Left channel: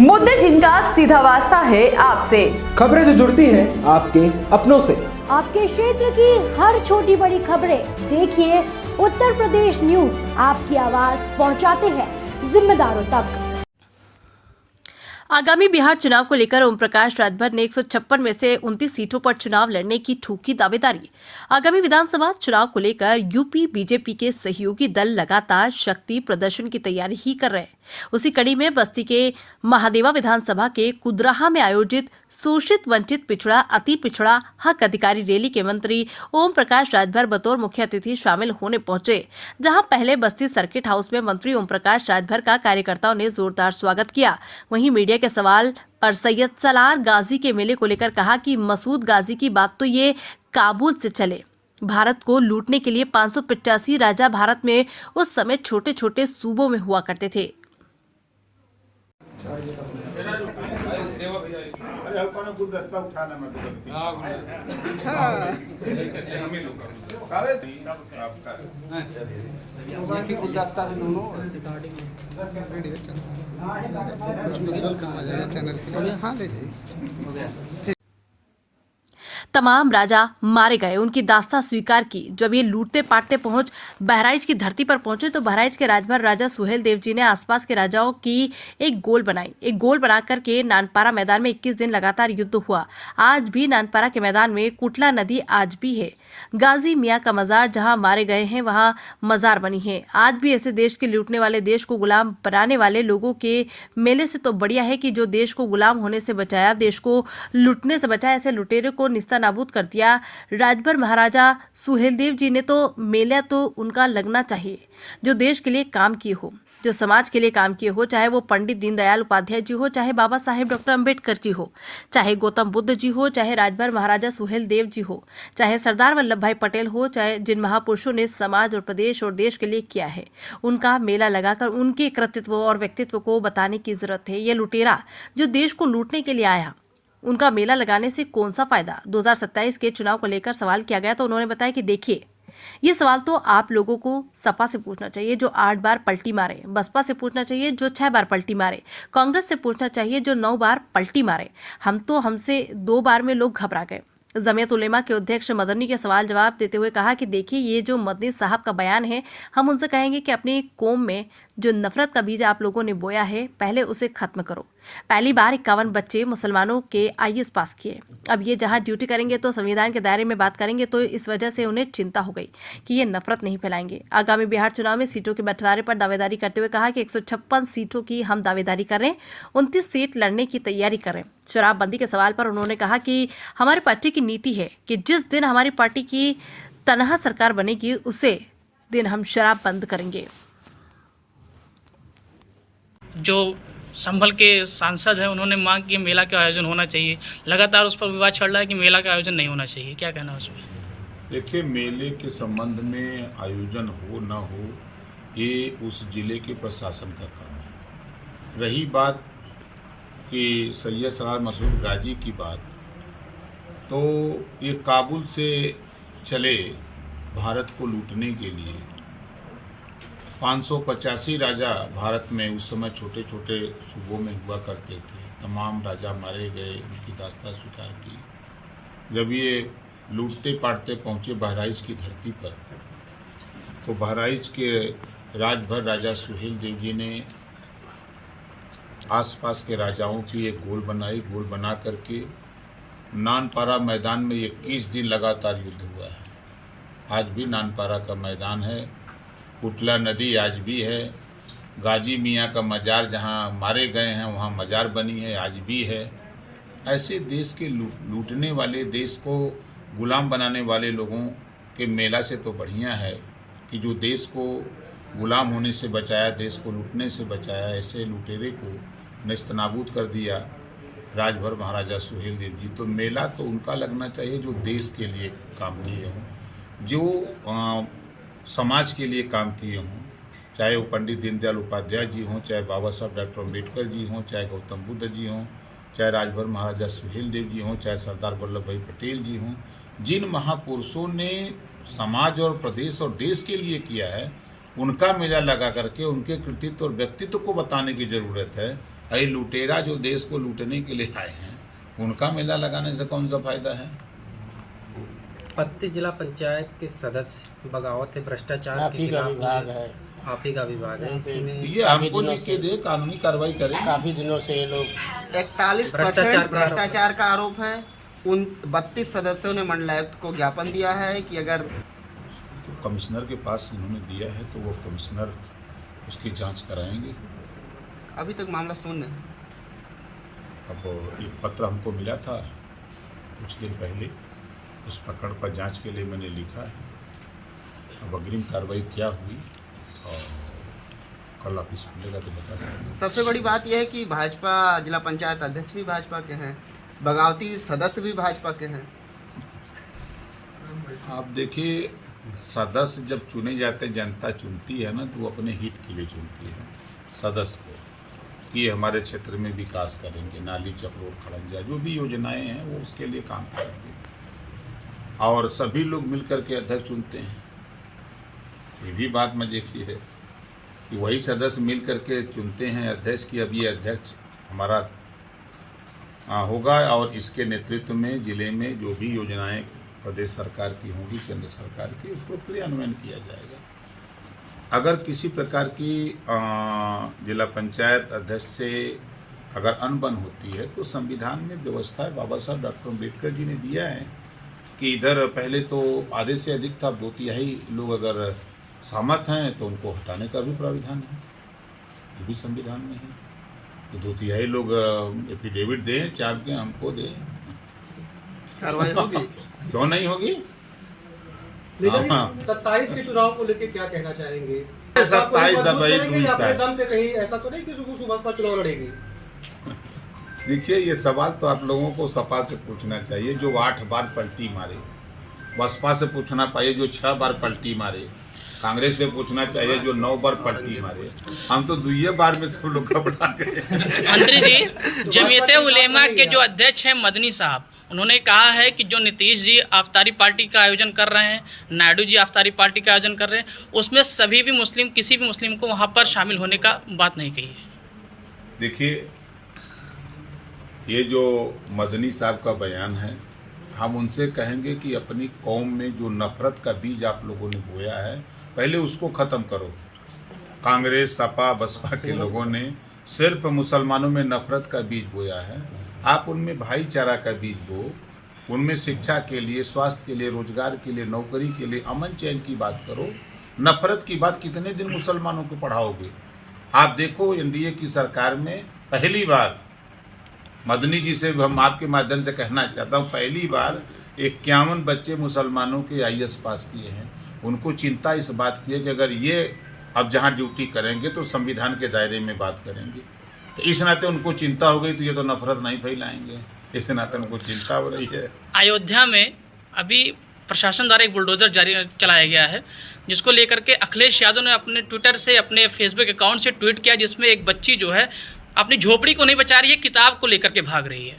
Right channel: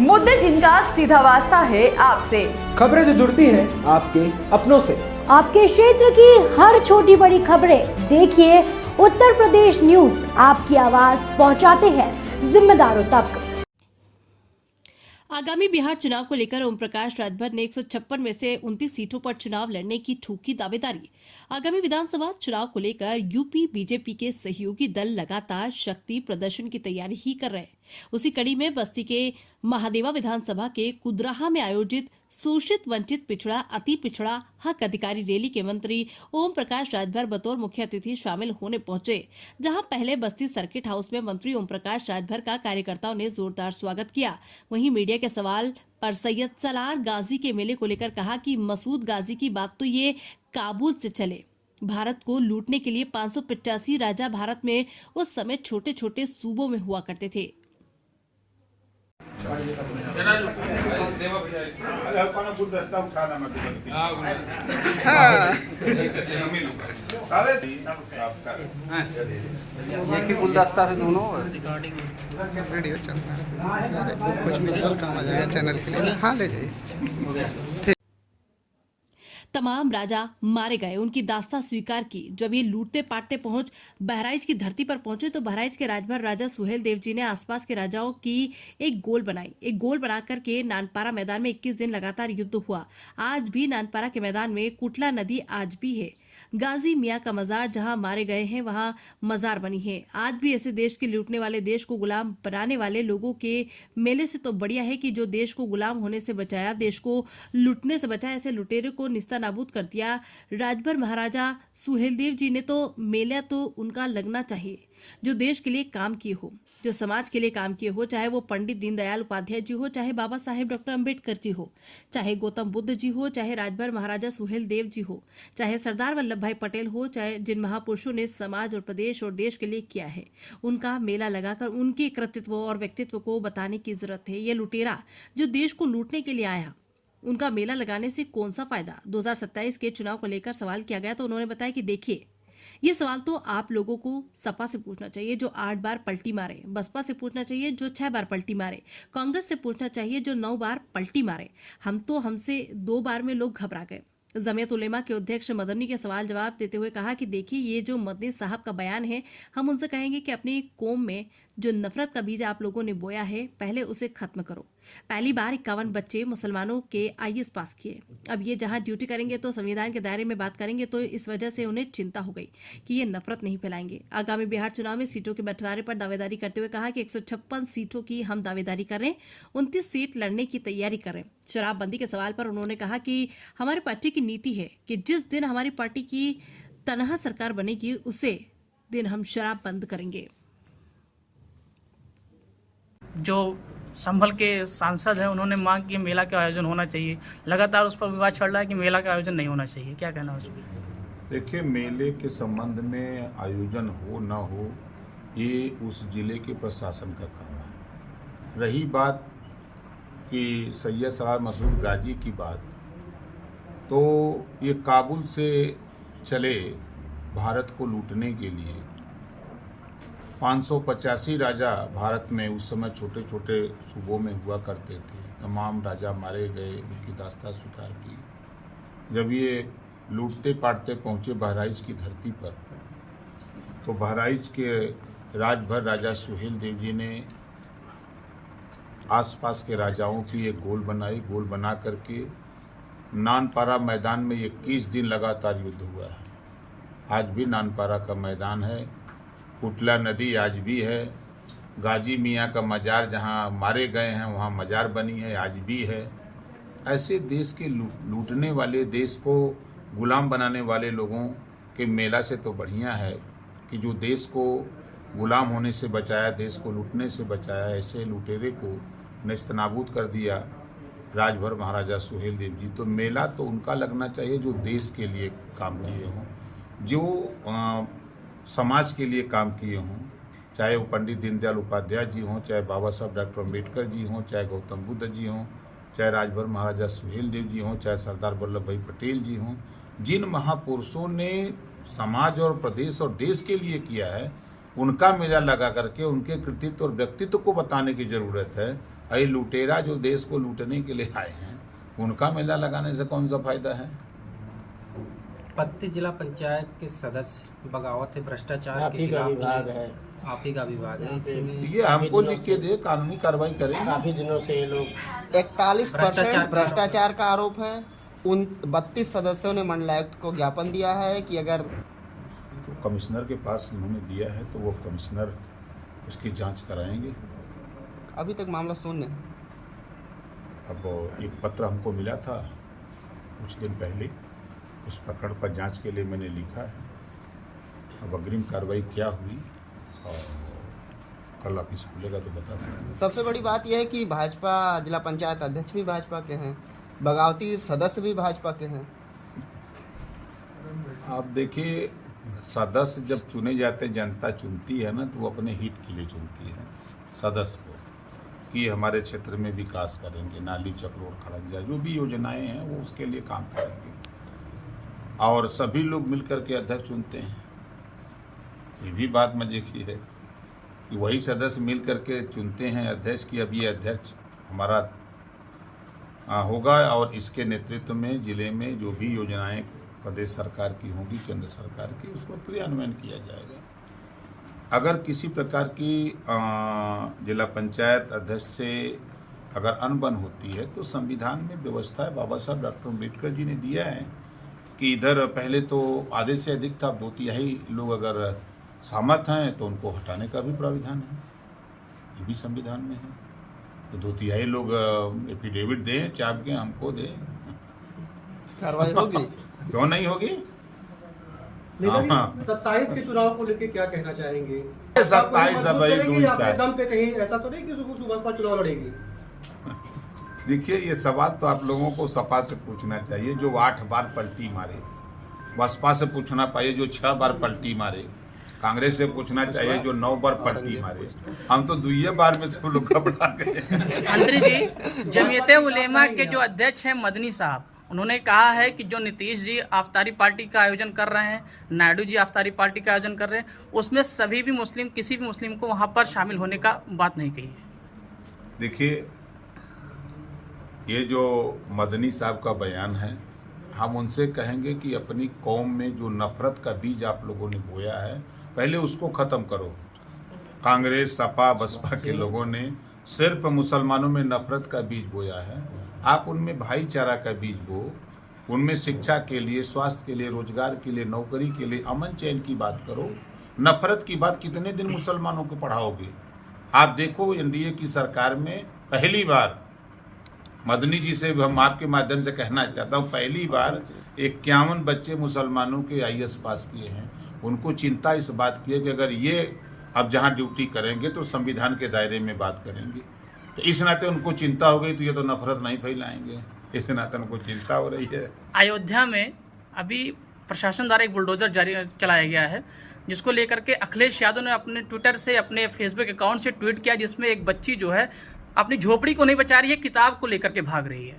मुद्दे जिनका सीधा वास्ता है आपसे, खबरें जो जुड़ती है आपके अपनों से, आपके क्षेत्र की हर छोटी बड़ी खबरें देखिए उत्तर प्रदेश न्यूज आपकी आवाज पहुंचाते हैं जिम्मेदारों तक। आगामी बिहार चुनाव को लेकर ओम प्रकाश राजभर ने 156 में से 29 सीटों पर चुनाव लड़ने की ठोकी दावेदारी। आगामी विधानसभा चुनाव को लेकर यूपी बीजेपी के सहयोगी दल लगातार शक्ति प्रदर्शन की तैयारी ही कर रहे हैं। उसी कड़ी में बस्ती के महादेवा विधानसभा के कुदराहा में आयोजित शोषित वंचित पिछड़ा अति पिछड़ा हक अधिकारी रैली के मंत्री ओम प्रकाश राजभर बतौर मुख्य अतिथि शामिल होने पहुंचे, जहां पहले बस्ती सर्किट हाउस में मंत्री ओम प्रकाश राजभर का कार्यकर्ताओं ने जोरदार स्वागत किया। वहीं मीडिया के सवाल पर सैयद सलार गाजी के मेले को लेकर कहा कि मसूद गाजी की बात तो ये काबुल से चले। भारत को लूटने के लिए 585 राजा भारत में उस समय छोटे छोटे सूबों में हुआ करते थे। गुलदस्ता से दोनों वीडियो चल रहा है, कुछ विजुअल काम आ जाएगा चैनल के लिए। हाँ ले जाइए। तमाम राजा मारे गए, उनकी दास्तां स्वीकार की। जब ये लूटते पाटते पहुंच बहराइच की धरती पर पहुंचे तो बहराइच के राजभर राजा सुहेल देव जी ने आसपास के राजाओं की एक गोल बनाई। एक गोल बनाकर के नानपारा मैदान में 21 दिन लगातार युद्ध हुआ। आज भी नानपारा के मैदान में कुटला नदी आज भी है। गाजी मियाँ का मजार जहां मारे गए हैं वहां मजार बनी है। आज भी ऐसे देश के लूटने वाले, देश को गुलाम बनाने वाले लोगों के मेले से तो बढ़िया है कि जो देश को गुलाम होने से बचाया, देश को लूटने से बचाया, ऐसे लुटेरे को नाबूद कर दिया। राजभर महाराजा सुहेलदेव जी ने तो मेला तो उनका लगना चाहिए जो देश के लिए काम किए हो, जो समाज के लिए काम किए हो, चाहे वो पंडित दीनदयाल उपाध्याय जी हो, चाहे बाबा साहेब डॉक्टर अंबेडकर जी हो, चाहे गौतम बुद्ध जी हो, चाहे राजभर महाराजा सुहेलदेव जी हो, चाहे सरदार वल्लभ भाई पटेल हो, चाहे जिन महापुरुषों ने समाज और प्रदेश और देश के लिए किया है, उनका मेला लगाकर उनके कृतित्व और व्यक्तित्व को बताने की जरूरत है। ये लुटेरा जो देश को लूटने के लिए आया, उनका मेला लगाने से कौन सा फायदा। 2027 के चुनाव को लेकर सवाल किया गया तो उन्होंने बताया कि देखिए, ये सवाल तो आप लोगों को सपा से पूछना चाहिए जो 8 बार पलटी मारे, बसपा से पूछना चाहिए जो 6 बार पलटी मारे, कांग्रेस से पूछना चाहिए जो 9 बार पलटी मारे। हमसे 2 बार में लोग घबरा गए। जमियत उलेमा के अध्यक्ष मदनी के सवाल जवाब देते हुए कहा कि देखिए, ये जो मदनी साहब का बयान है, हम उनसे कहेंगे कि अपनी कौम में जो नफरत का बीज आप लोगों ने बोया है, पहले उसे खत्म करो। पहली बार 51 बच्चे मुसलमानों के IAS पास किए। अब ये जहां ड्यूटी करेंगे तो संविधान के दायरे में बात करेंगे, तो इस वजह से उन्हें चिंता हो गई कि ये नफरत नहीं फैलाएंगे। आगामी बिहार चुनाव में सीटों के बंटवारे पर दावेदारी करते हुए कहा कि 156 सीटों की हम दावेदारी कर रहे हैं, 29 सीट लड़ने की तैयारी कर रहे हैं। शराबबंदी के सवाल पर उन्होंने कहा कि हमारी पार्टी की नीति है कि जिस दिन हमारी पार्टी की तनहा सरकार बनेगी, उसे दिन हम शराब बंद करेंगे। जो संभल के सांसद हैं, उन्होंने मांग की मेला का आयोजन होना चाहिए। लगातार उस पर विवाद चल रहा है कि मेला का आयोजन नहीं होना चाहिए, क्या कहना है उसमें? देखिए, मेले के संबंध में आयोजन हो ना हो, ये उस जिले के प्रशासन का काम है। रही बात कि सैयद सलार मसूद गाजी की बात, तो ये काबुल से चले भारत को लूटने के लिए 585 राजा भारत में उस समय छोटे छोटे सूबों में हुआ करते थे। तमाम राजा मारे गए, उनकी दास्तां स्वीकार की। जब ये लूटते पाटते पहुँचे बहराइच की धरती पर, तो बहराइच के राजभर राजा सुहेल देव जी ने आसपास के राजाओं की एक गोल बनाई। गोल बना करके नानपारा मैदान में 21 दिन लगातार युद्ध हुआ है। आज भी नानपारा का मैदान है, कुटला नदी आज भी है, गाजी मियाँ का मजार जहाँ मारे गए हैं वहाँ मजार बनी है, आज भी है। ऐसे देश के लूटने वाले, देश को गुलाम बनाने वाले लोगों के मेला से तो बढ़िया है कि जो देश को गुलाम होने से बचाया, देश को लूटने से बचाया, ऐसे लुटेरे को नेस्तनाबूद कर दिया राजभर महाराजा सुहेल देव जी। तो मेला तो उनका लगना चाहिए जो देश के लिए काम किए हों, जो समाज के लिए काम किए हों, चाहे वो पंडित दीनदयाल उपाध्याय जी हों, चाहे बाबा साहब डॉक्टर अंबेडकर जी हों, चाहे गौतम बुद्ध जी हों, चाहे राजभर महाराजा सुहेल देव जी हों, चाहे सरदार वल्लभ भाई पटेल जी हों। जिन महापुरुषों ने समाज और प्रदेश और देश के लिए किया है, उनका मेला लगा करके उनके कृतित्व और व्यक्तित्व को बताने की ज़रूरत है। ये लुटेरा जो देश को लूटने के लिए आए हैं, उनका मेला लगाने से कौन सा फायदा है? पत्ती जिला पंचायत के सदस्य बगावत है, भ्रष्टाचार आप के ही का खिलाफ विभाग है, आप ही का विभाग है। इसमें ये हमको लिख के दे, कानूनी कार्रवाई करें। काफी दिनों से ये लोग 41% भ्रष्टाचार का आरोप है। उन 32 सदस्यों ने मंडलायुक्त को ज्ञापन दिया है कि अगर तो कमिश्नर के पास इन्होंने दिया है तो वो कमिश्नर उसकी जांच कराएंगे। अभी तक मामला शून्य। अब एक पत्र हमको मिला था कुछ दिन पहले, उस प्रकरण पर जांच के लिए मैंने लिखा है। अब अग्रिम कार्रवाई क्या हुई और कल ऑफिस खुलेगा तो बता सकते। सबसे बड़ी बात यह है कि भाजपा जिला पंचायत अध्यक्ष भी भाजपा के हैं, बगावती सदस्य भी भाजपा के हैं। आप देखिए, सदस्य जब चुने जाते हैं, जनता चुनती है ना, तो वो अपने हित के लिए चुनती है सदस्य को कि हमारे क्षेत्र में विकास करेंगे, नाली चक्रोड खड़ंजा जो भी योजनाएं हैं वो उसके लिए काम करेंगे। और सभी लोग मिलकर के अध्यक्ष चुनते हैं। ये भी बात मजे की है कि वही सदस्य मिल करके चुनते हैं अध्यक्ष की अब ये अध्यक्ष हमारा होगा और इसके नेतृत्व में जिले में जो भी योजनाएं प्रदेश सरकार की होंगी, केंद्र सरकार की, उसको क्रियान्वयन किया जाएगा। अगर किसी प्रकार की जिला पंचायत अध्यक्ष से अगर अनबन होती है तो संविधान में व्यवस्था है, बाबा साहब डॉक्टर अम्बेडकर जी ने दिया है कि इधर पहले तो आधे से अधिक था, 2/3 लोग अगर सहमत हैं तो उनको हटाने का भी प्राविधान है, ये भी संविधान में है। तो 2/3 लोग एफिडेविट दें, चाप के हमको दें, कार्रवाई होगी। क्यों नहीं होगी? लेकिन 27 के चुनाव को लेकर क्या कहना चाहेंगे? 27 अब वही दूरी अपने दम पे कहीं ऐसा तो नहीं कि सुबह चुनाव लड़ेगी? देखिए, ये सवाल तो आप लोगों को सपा से पूछना चाहिए जो 8 बार पलटी मारे, बसपा से पूछना चाहिए जो 6 बार पलटी मारे, कांग्रेस से पूछना चाहिए जो 9 बार पलटी मारे। हम तो 2 बार में सब लोग घबरा गए। मंत्री जी, जमीयत उलेमा के जो अध्यक्ष हैं मदनी साहब, उन्होंने कहा है कि जो नीतीश जी अफ्तारी पार्टी का आयोजन कर रहे हैं, नायडू जी अफ्तारी पार्टी का आयोजन कर रहे हैं, उसमें सभी भी मुस्लिम, किसी भी मुस्लिम को वहाँ पर शामिल होने का बात नहीं कही है। देखिए, ये जो मदनी साहब का बयान है, हम उनसे कहेंगे कि अपनी कौम में जो नफरत का बीज आप लोगों ने बोया है, पहले उसको ख़त्म करो। कांग्रेस, सपा, बसपा के लोगों ने सिर्फ मुसलमानों में नफरत का बीज बोया है। आप उनमें भाईचारा का बीज बो, उनमें शिक्षा के लिए, स्वास्थ्य के लिए, रोजगार के लिए, नौकरी के लिए, अमन चैन की बात करो। नफरत की बात कितने दिन मुसलमानों को पढ़ाओगे? आप देखो, एनडीए की सरकार में पहली बार, मदनी जी से हम आपके माध्यम से कहना चाहता हूँ, पहली बार 51 बच्चे मुसलमानों के IAS पास किए हैं। उनको चिंता इस बात की है कि अगर ये अब जहाँ ड्यूटी करेंगे तो संविधान के दायरे में बात करेंगे, तो इस नाते उनको चिंता हो गई तो ये तो नफरत नहीं फैलाएंगे, इस नाते उनको चिंता हो रही है। अयोध्या में अभी प्रशासन द्वारा एक बुलडोजर जारी चलाया गया है, जिसको लेकर के अखिलेश यादव ने अपने ट्विटर से, अपने फेसबुक अकाउंट से ट्वीट किया, जिसमें एक बच्ची जो है अपनी झोपड़ी को नहीं बचा रही है, किताब को लेकर के भाग रही है।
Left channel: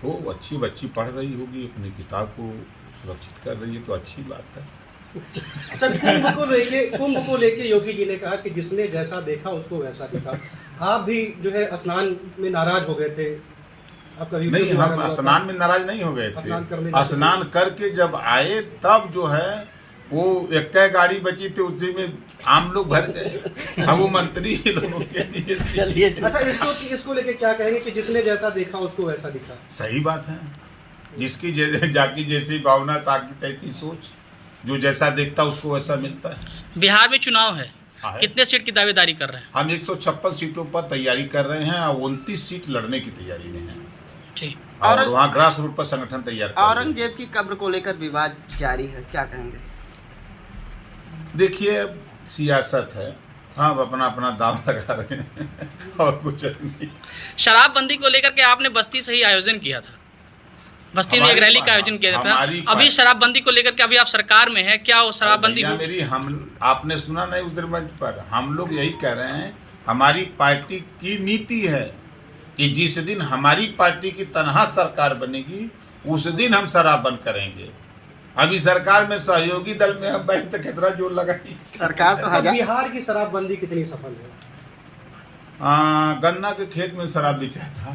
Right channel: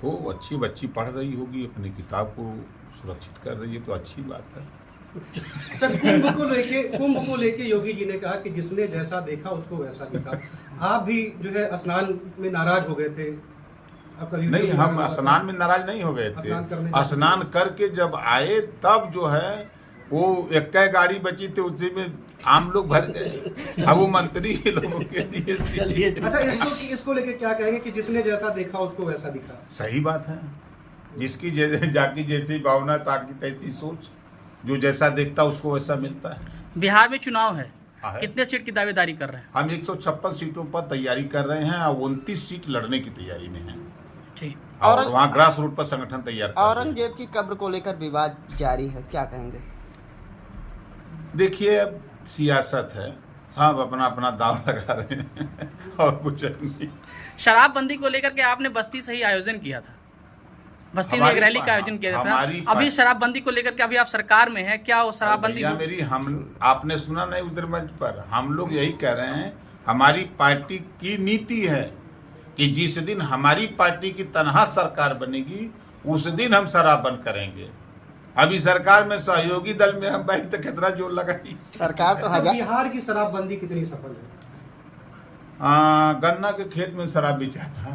तो अच्छी बच्ची पढ़ रही होगी, अपनी किताब को सुरक्षित कर रही है, तो अच्छी बात है। सर, कुंभ को लेके योगी जी ने कहा कि जिसने जैसा देखा उसको वैसा दिखा। आप भी जो है स्नान में नाराज हो गए थे। आपका नहीं, हम स्नान में नाराज नहीं हो गए थे। स्नान करके जब आए तब जो है वो एक गाड़ी बची थी, उसी में आम लोग भर गए। अब वो मंत्री लोगों के लिए। अच्छा, इसको लेके क्या कहेंगे कि जिसने जैसा देखा उसको वैसा दिखा? सही बात है, जिसकी जाकी जैसी भावना ताकि तैसी सोच, जो जैसा देखता उसको वैसा मिलता है। बिहार में चुनाव है, कितने सीट की दावेदारी कर रहे हैं? हम 156 सीटों पर तैयारी कर रहे हैं और 29 सीट लड़ने की तैयारी में है। ठीक। और वहाँ ग्रास रूट पर संगठन तैयार कर रहे हैं। औरंगजेब की कब्र को लेकर विवाद जारी है, क्या कहेंगे? देखिए, सियासत है, सब अपना अपना दाव लगा रहे हैं और कुछ नहीं। शराबबंदी को लेकर के आपने बस्ती से ही आयोजन किया था, बस्ती में एक रैली का आयोजन किया था। अभी शराबबंदी को लेकर के अभी आप सरकार में हैं, क्या वो शराबबंदी मेरी आपने सुना नहीं उस दिन मंच पर? हम लोग यही कह रहे हैं, हमारी पार्टी की नीति है कि जिस दिन हमारी पार्टी की तनहा सरकार बनेगी उस दिन हम शराब बंद करेंगे। अभी सरकार में सहयोगी दल में हम बैठ तो कितना जोर लगाई। सरकार तो बिहार की शराबबंदी कितनी सफल है? गन्ना के खेत में शराब बेचा था।